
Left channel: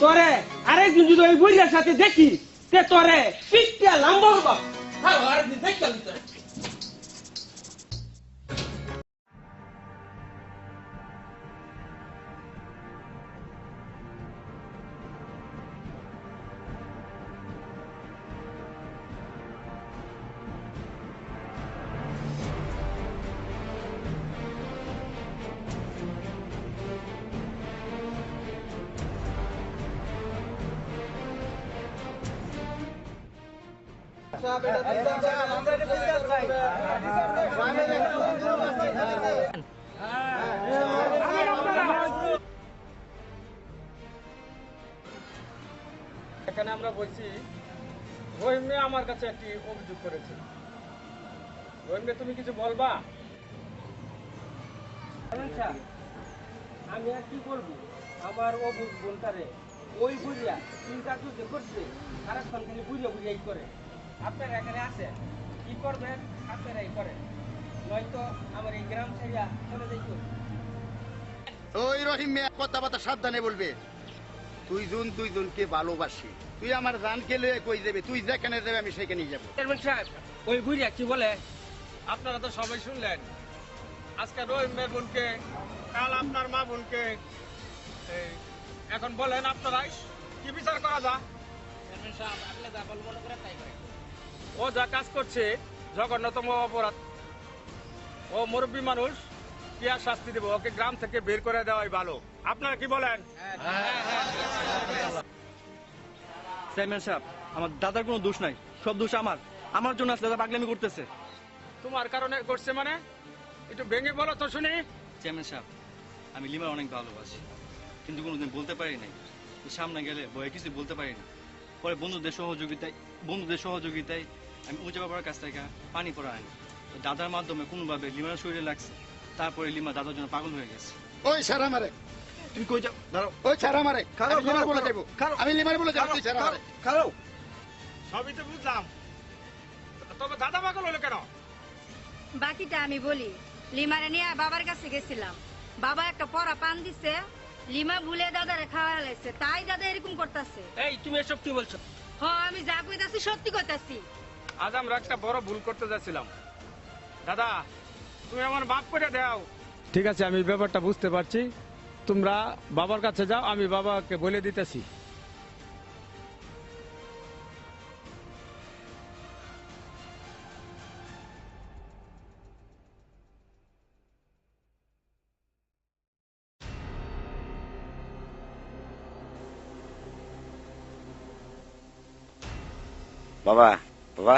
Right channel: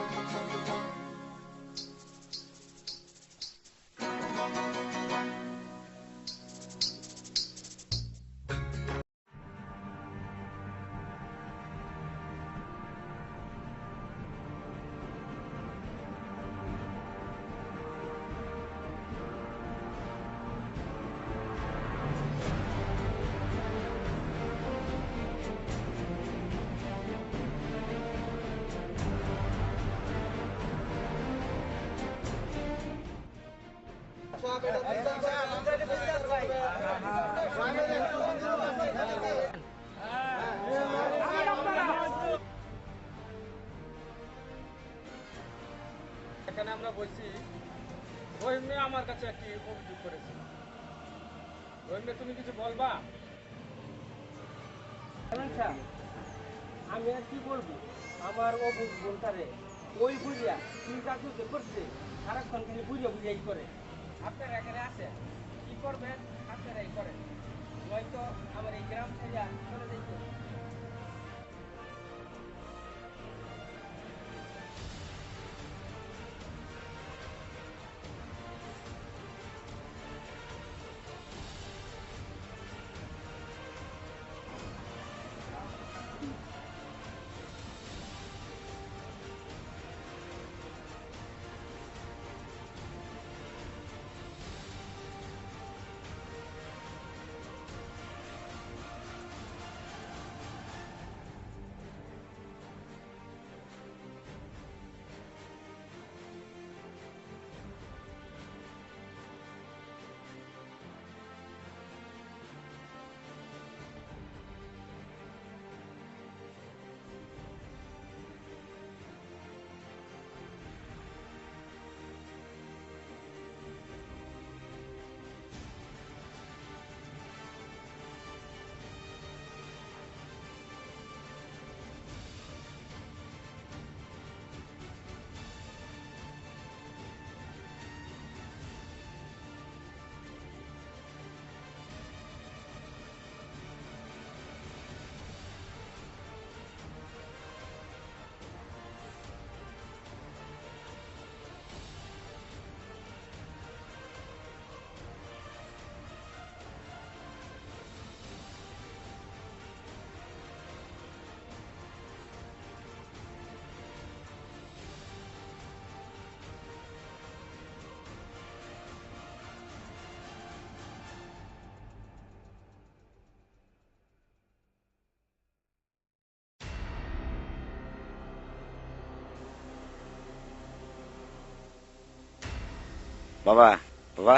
তোরে আরেকদিন যদি ওই বুড়িয়ার সাথে দেখি, তে তোরে পিঠটা লম্বা হবা। আরেকদিন দেখতে এখানে আমরা বলছি, রহিম মেয়ে আমার কাছে একটি অভিযোগ করেছে। রহিম মেয়ে, তুমি কিছু বলবা? আমি আর কি বলবো, আমার ও বোনটারে ওই বুড়িয়া চিন্তা করতে করছে, সারাক্ষণ খালি বুড়িয়া বুড়িয়াই করে। আপনারা এখানে আছেন, কি করবেন আপনারাই করেন, নয়তো আমার এই গ্রাম ছেড়ে চলে যাইতে হবে। ওই রহিম মিয়া, কথা সাবধানে বলবে। তুই জনকে ভালোবাসে, তুই আমার জানকে লয়ে কই যাবে, তুই যেখানে যাবে আমি সেখানেই যাবো। চেয়ারম্যান সাহেব, ওই বুড়িয়া কি বলে? আপনারা তো সবাই শুনলেন, আজকে রহিম মেয়ের বোনকে, কাল আপনার মা বোনকে। এখন বলেন আপনারাই কি বিচার করা যায়? ও যা কাজ করছে জঘন্যতম অপরাধ। ও মুরব্বী মানুষ, কি আর শাস্তি দেবো? ওকে গ্রাম থেকে বের করে দেওয়াই ভালো। আপনারা কি বলেন? চেয়ারম্যান সাহেব, আমার দাদার কোনো দোষ নাই, সব দোষ আমার। আমার জন্য আসলে দাদা পাগলামি করতেছে। তোমার কারণে করছে মানে? একটু ভেঙে বলো তো শুনি। চেয়ারম্যান সাহেব, আমি লিমার অনেক ভালোবাসি, কিন্তু কোনোদিন বলতে পারি নাই। সামনে গেলে ভয়ে কিছু বলতে পারি না। পরে বন্ধুদের সহযোগিতায় আমি উঁচা বাবার কাছ থেকে পানি পড়া আনি। দাদার মাধ্যমে কোনোভাবে লিমার শরীরে লাগছে। তারপরে লিমা দাদার জন্য পাগল হয়ে গেছে। ওই সারা মারে, তুমি কই যাও? দাঁড়াও। ওই সারা মারে, আমি লিমার বলে যাবো, আমি লিমার বলে যাবো, তুই সারা মারে। খাও। সবই তো বুঝলাম, তবে দাদা পাগল হলো কেন? বাকিটা আমি বলি। লিমারে নিয়ে বাবার কাছে গেছিলাম, বাবা একটা পরা পান দিছে, লিমা ভুলে দাদারে খাওয়া লাগছে, তাই দাদা এরকম করতেছে। এই তুমি এসব কি বলছো? আমি যা কইতাছি সত্যি কইতাছি। আজ আমরা একটা বড় ভুল করতে যাচ্ছিলাম। দাদা, তুমি আমার মাফ করে দাও। ঠিক আছে, আমি ব্যাপারটা বুঝতে পারছি। তোমরা বাবার কাছে যাও, আমি বাবাকে বলে দিতেছি। বাবা বাবা,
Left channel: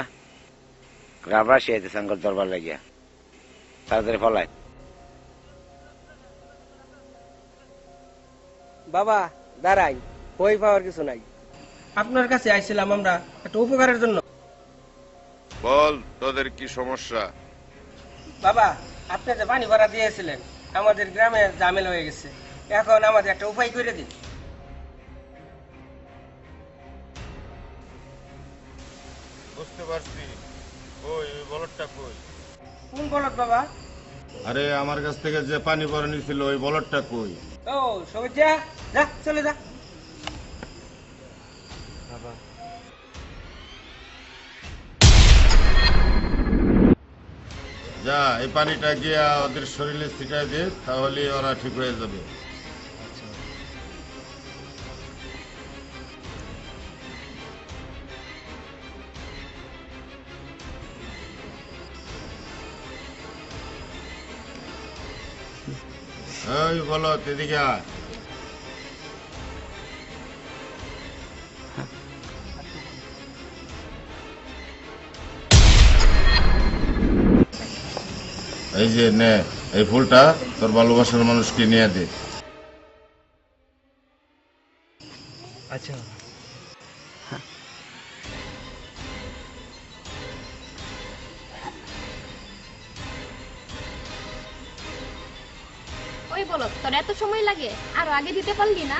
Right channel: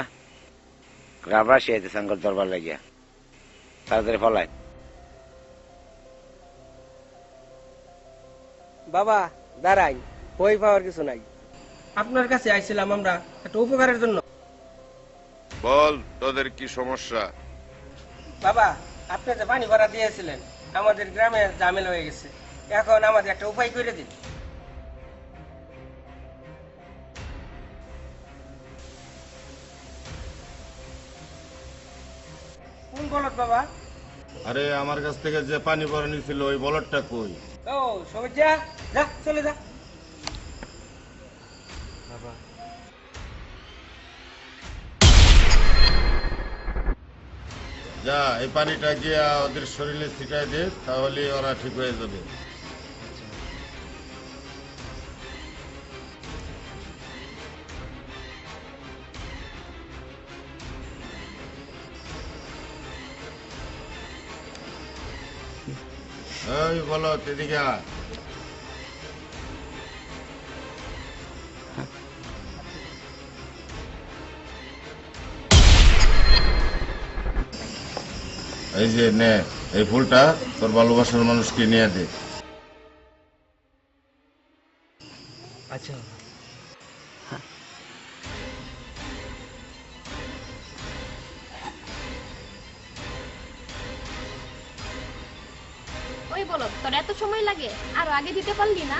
গ্রামবাসী এতে সংকট দরবার লাগিয়া তাড়াতাড়ি ফলায়। বাবা দাঁড়াই, বই পাওয়ার কিছু নাই। আপনার কাছে আইছিলাম আমরা একটা উপকারের জন্য। বল, তোদের কি সমস্যা? বাবা, আপনি যে পানি ভরা দিয়েছিলেন, আমাদের গ্রামে ঝামেলা হয়ে গেছে। এখন আমাদের একটা উপায় করে দিন। বুঝতে পারছি। ওই বলদটা কই? কোন বলদ বাবা? আরে আমার কাছ থেকে যে পানি ভরে নিছিল ওই বলদটা কই? ও সবুজ, যা যা, চলে যা। বাবা, যা, এই পানিটা গিয়া ওদের শরীরে ছিটাই দে, তাহলে ওরা ঠিক হয়ে যাবে। ওই বলো, এদিকে আয়। এই যে নে, এই ফুলটা তোর ভালোবাসার মানুষকে নিয়ে দে। আচ্ছা। ওই বলো, তোর এত সময় লাগে? আরো আগে দিতে পারলি না?